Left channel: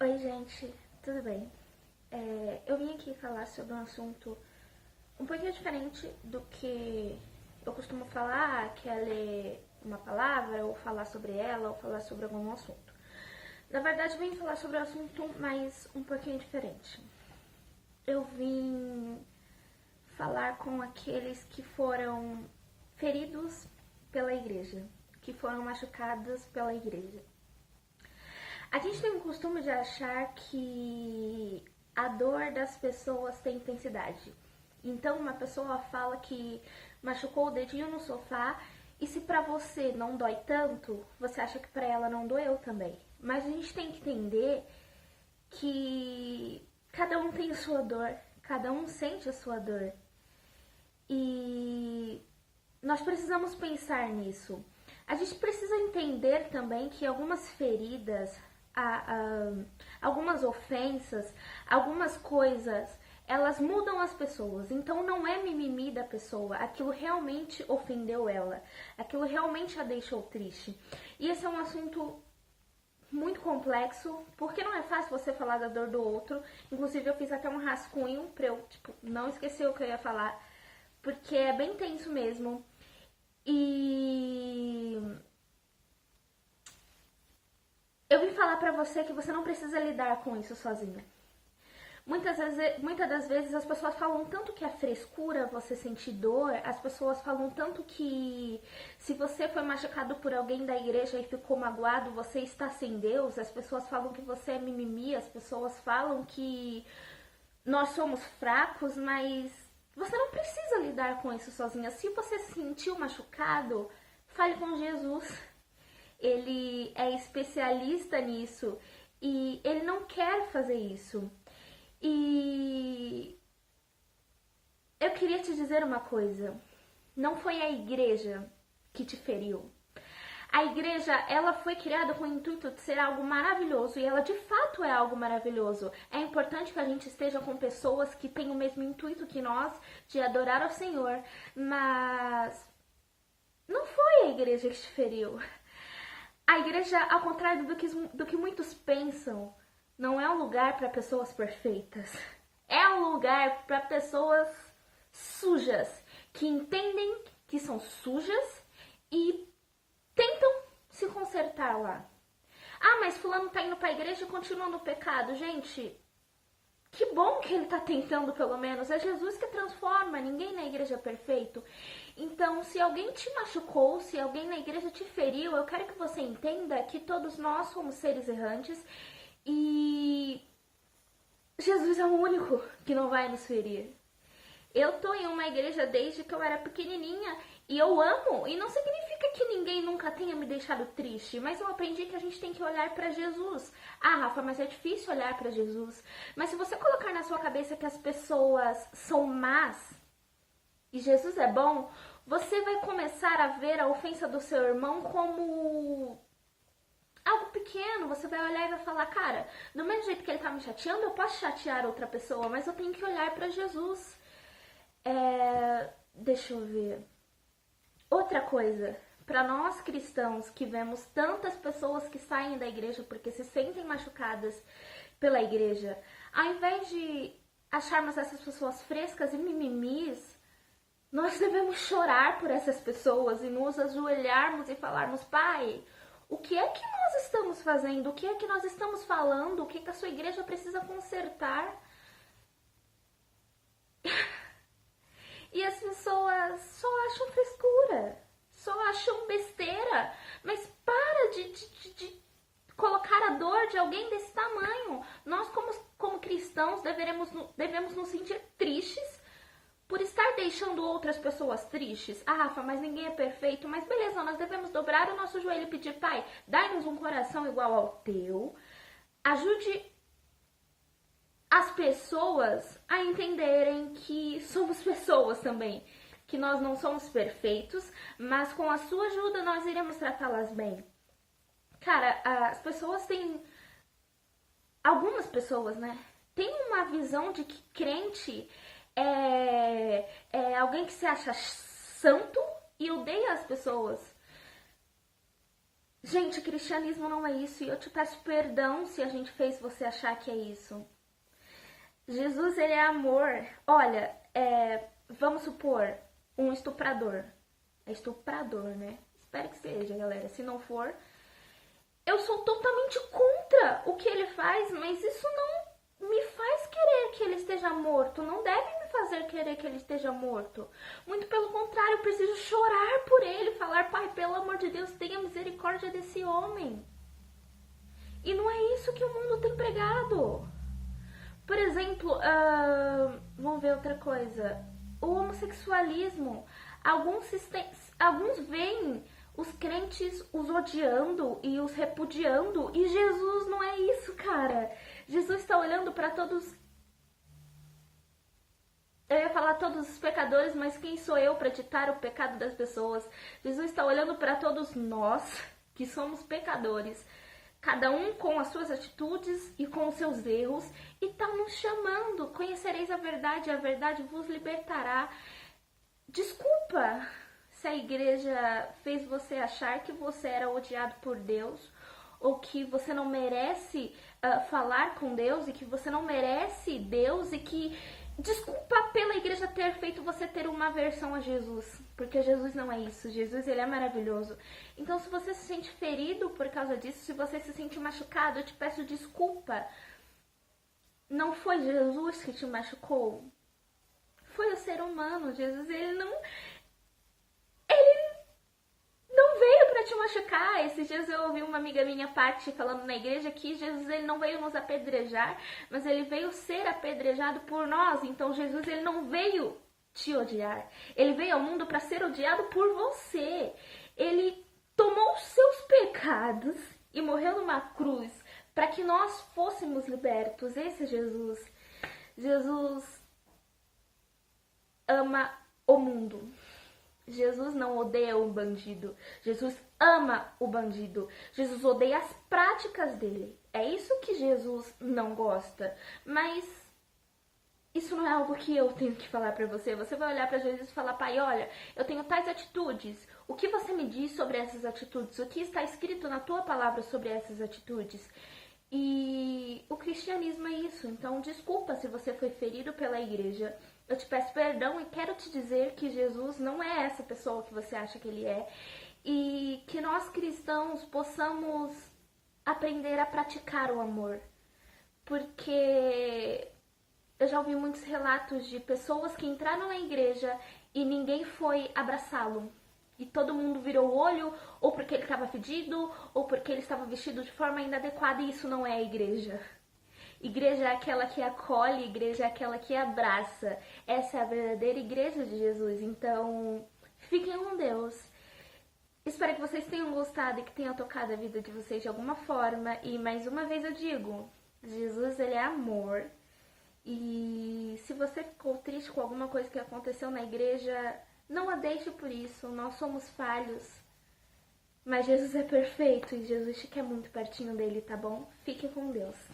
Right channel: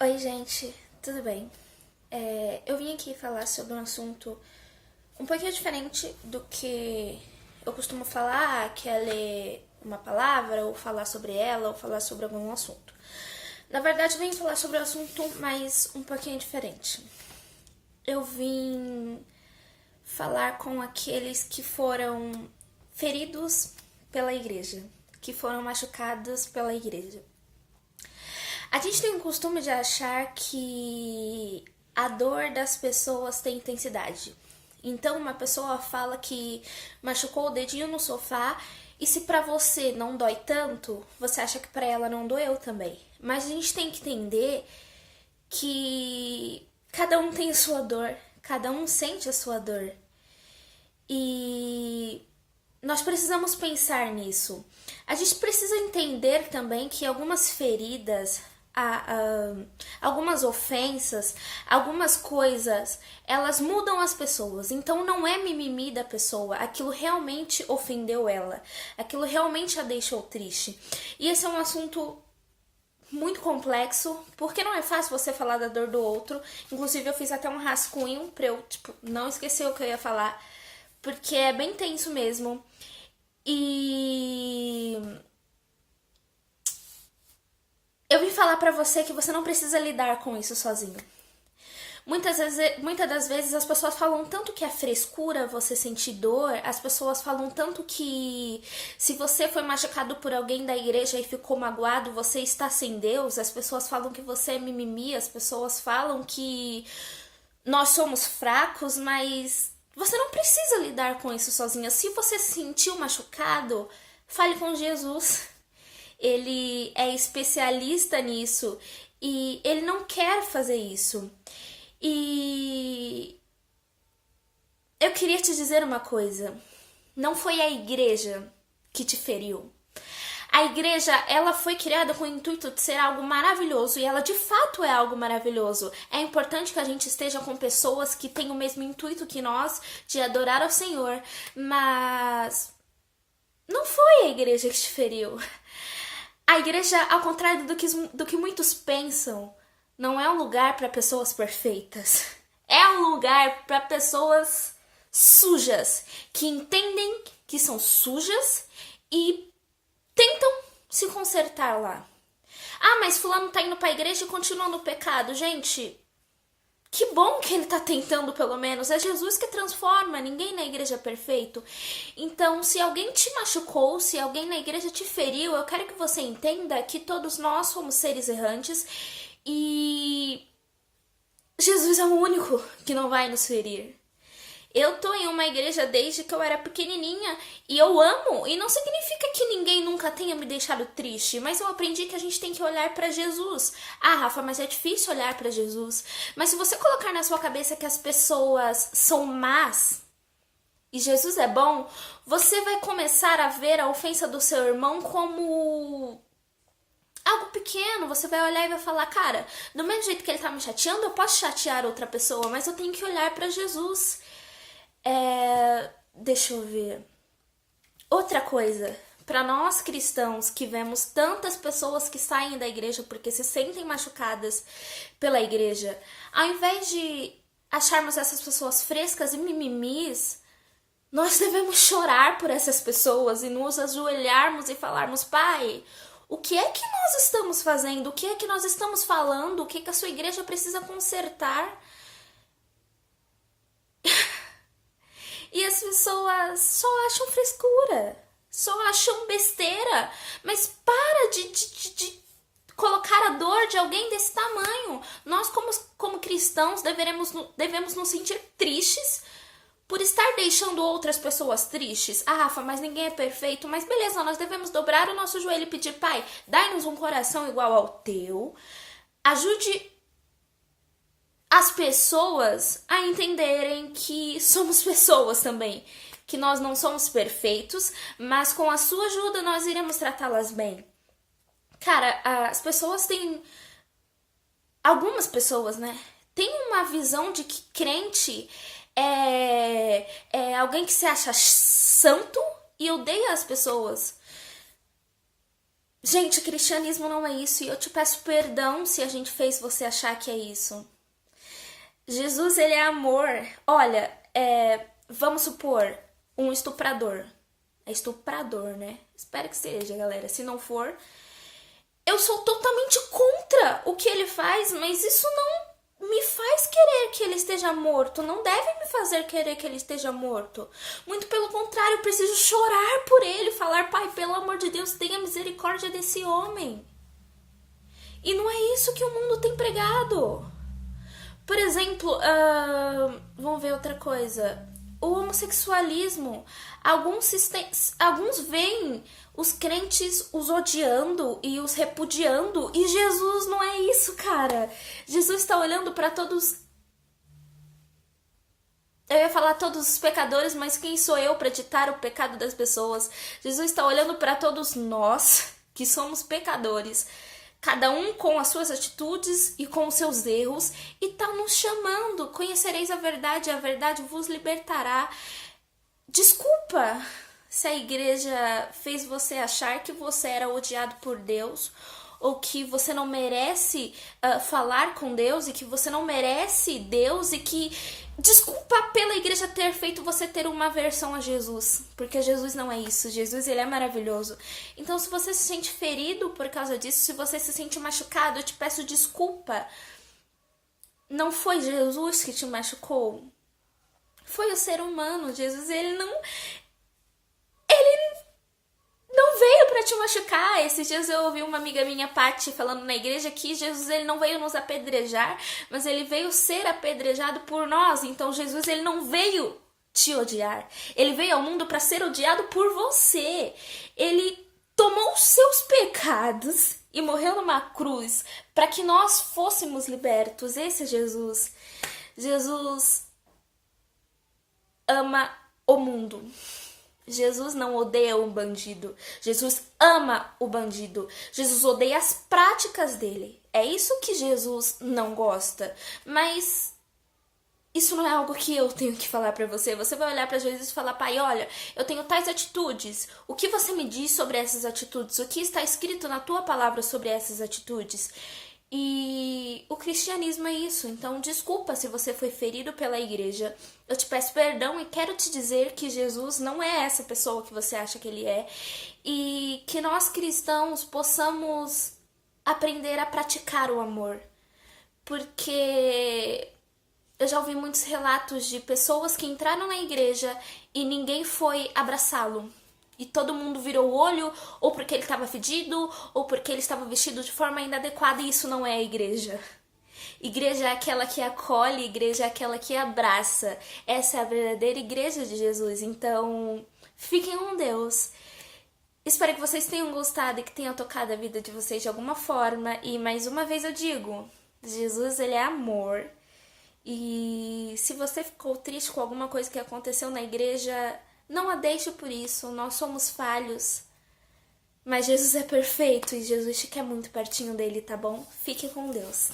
Oi, gente, tudo bem? Eu vim aqui falar sobre um assunto um pouquinho diferente do que eu costumo falar, que é ler uma palavra, ou falar sobre ela, ou falar sobre algum assunto. Na verdade, eu vim falar sobre um assunto, mas um pouquinho diferente. Eu vim falar com aqueles que foram feridos pela igreja, que foram machucados pela igreja. A gente tem um costume de achar que a dor das pessoas tem intensidade. Então, uma pessoa fala que machucou o dedinho no sofá e se pra você não dói tanto, você acha que pra ela não doeu também. Mas a gente tem que entender que cada um tem a sua dor, cada um sente a sua dor. E nós precisamos pensar nisso. A gente precisa entender também que algumas feridas, algumas ofensas, algumas coisas, elas mudam as pessoas. Então não é mimimi da pessoa, aquilo realmente ofendeu ela, aquilo realmente a deixou triste. E esse é um assunto muito complexo, porque não é fácil você falar da dor do outro. Inclusive eu fiz até um rascunho pra eu, não esquecer o que eu ia falar, porque é bem tenso mesmo. E eu vim falar pra você que você não precisa lidar com isso sozinho. Muitas das vezes as pessoas falam tanto que é frescura você sentir dor, as pessoas falam tanto que se você foi machucado por alguém da igreja e ficou magoado, você está sem Deus, as pessoas falam que você é mimimi, as pessoas falam que nós somos fracos, mas você não precisa lidar com isso sozinha. Se você se sentiu machucado, fale com Jesus. Ele é especialista nisso e ele não quer fazer isso. E eu queria te dizer uma coisa. Não foi a igreja que te feriu. A igreja, ela foi criada com o intuito de ser algo maravilhoso e ela de fato é algo maravilhoso. É importante que a gente esteja com pessoas que têm o mesmo intuito que nós de adorar ao Senhor, mas não foi a igreja que te feriu. A igreja, ao contrário do que muitos pensam, não é um lugar para pessoas perfeitas. É um lugar para pessoas sujas, que entendem que são sujas e tentam se consertar lá. Ah, mas fulano tá indo pra igreja e continua no pecado. Gente, que bom que ele tá tentando pelo menos. É Jesus que transforma, ninguém na igreja é perfeito. Então, se alguém te machucou, se alguém na igreja te feriu, eu quero que você entenda que todos nós somos seres errantes e Jesus é o único que não vai nos ferir. Eu tô em uma igreja desde que eu era pequenininha e eu amo, e não significa que ninguém nunca tenha me deixado triste, mas eu aprendi que a gente tem que olhar pra Jesus. Ah, Rafa, mas é difícil olhar pra Jesus. Mas se você colocar na sua cabeça que as pessoas são más e Jesus é bom, você vai começar a ver a ofensa do seu irmão como algo pequeno. Você vai olhar e vai falar, cara, do mesmo jeito que ele tá me chateando, eu posso chatear outra pessoa, mas eu tenho que olhar pra Jesus. Deixa eu ver. Outra coisa, para nós cristãos que vemos tantas pessoas que saem da igreja porque se sentem machucadas pela igreja, ao invés de acharmos essas pessoas frescas e mimimis, nós devemos chorar por essas pessoas e nos ajoelharmos e falarmos, Pai, o que é que nós estamos fazendo? O que é que nós estamos falando? O que é que a sua igreja precisa consertar? E as pessoas só acham frescura, só acham besteira. Mas para de colocar a dor de alguém desse tamanho. Nós, como cristãos, devemos nos sentir tristes por estar deixando outras pessoas tristes. Ah, Rafa, mas ninguém é perfeito. Mas beleza, nós devemos dobrar o nosso joelho e pedir, Pai, dai-nos um coração igual ao teu. Ajude as pessoas a entenderem que somos pessoas também, que nós não somos perfeitos, mas com a sua ajuda nós iremos tratá-las bem. Cara, as pessoas têm... Algumas pessoas, né? Tem uma visão de que crente é alguém que se acha santo e odeia as pessoas. Gente, cristianismo não é isso, e eu te peço perdão se a gente fez você achar que é isso. Jesus, ele é amor. Olha, vamos supor, um estuprador. É estuprador, né? Espero que seja, galera. Se não for, eu sou totalmente contra o que ele faz, mas isso não me faz querer que ele esteja morto. Não deve me fazer querer que ele esteja morto. Muito pelo contrário, eu preciso chorar por ele, falar, Pai, pelo amor de Deus, tenha misericórdia desse homem. E não é isso que o mundo tem pregado. Por exemplo, vamos ver outra coisa. O homossexualismo. Alguns veem os crentes os odiando e os repudiando. E Jesus não é isso, cara. Jesus está olhando para todos. Eu ia falar todos os pecadores, mas quem sou eu para ditar o pecado das pessoas? Jesus está olhando para todos nós, que somos pecadores. Cada um com as suas atitudes e com os seus erros, e tá nos chamando. Conhecereis a verdade vos libertará. Desculpa se a igreja fez você achar que você era odiado por Deus, ou que você não merece falar com Deus, e que você não merece Deus, e que... Desculpa pela igreja ter feito você ter uma aversão a Jesus, porque Jesus não é isso. Jesus, ele é maravilhoso. Então, se você se sente ferido por causa disso, se você se sente machucado, eu te peço desculpa. Não foi Jesus que te machucou. Foi o ser humano. Jesus, ele não veio pra te machucar. Esses dias eu ouvi uma amiga minha, Paty, falando na igreja que Jesus, ele não veio nos apedrejar, mas ele veio ser apedrejado por nós. Então Jesus, ele não veio te odiar. Ele veio ao mundo para ser odiado por você. Ele tomou os seus pecados e morreu numa cruz para que nós fôssemos libertos. Esse é Jesus. Jesus ama o mundo. Jesus não odeia um bandido. Jesus ama o bandido. Jesus odeia as práticas dele. É isso que Jesus não gosta. Mas isso não é algo que eu tenho que falar pra você. Você vai olhar pra Jesus e falar, Pai, olha, eu tenho tais atitudes. O que você me diz sobre essas atitudes? O que está escrito na tua palavra sobre essas atitudes? E o cristianismo é isso. Então, desculpa se você foi ferido pela igreja. Eu te peço perdão e quero te dizer que Jesus não é essa pessoa que você acha que ele é. E que nós cristãos possamos aprender a praticar o amor. Porque eu já ouvi muitos relatos de pessoas que entraram na igreja e ninguém foi abraçá-lo. E todo mundo virou o olho, ou porque ele estava fedido, ou porque ele estava vestido de forma inadequada, e isso não é a igreja. Igreja é aquela que acolhe, igreja é aquela que abraça. Essa é a verdadeira igreja de Jesus. Então, fiquem com Deus. Espero que vocês tenham gostado e que tenha tocado a vida de vocês de alguma forma. E mais uma vez eu digo, Jesus, ele é amor. E se você ficou triste com alguma coisa que aconteceu na igreja, não a deixe por isso. Nós somos falhos. Mas Jesus é perfeito e Jesus te quer muito pertinho dele, tá bom? Fique com Deus.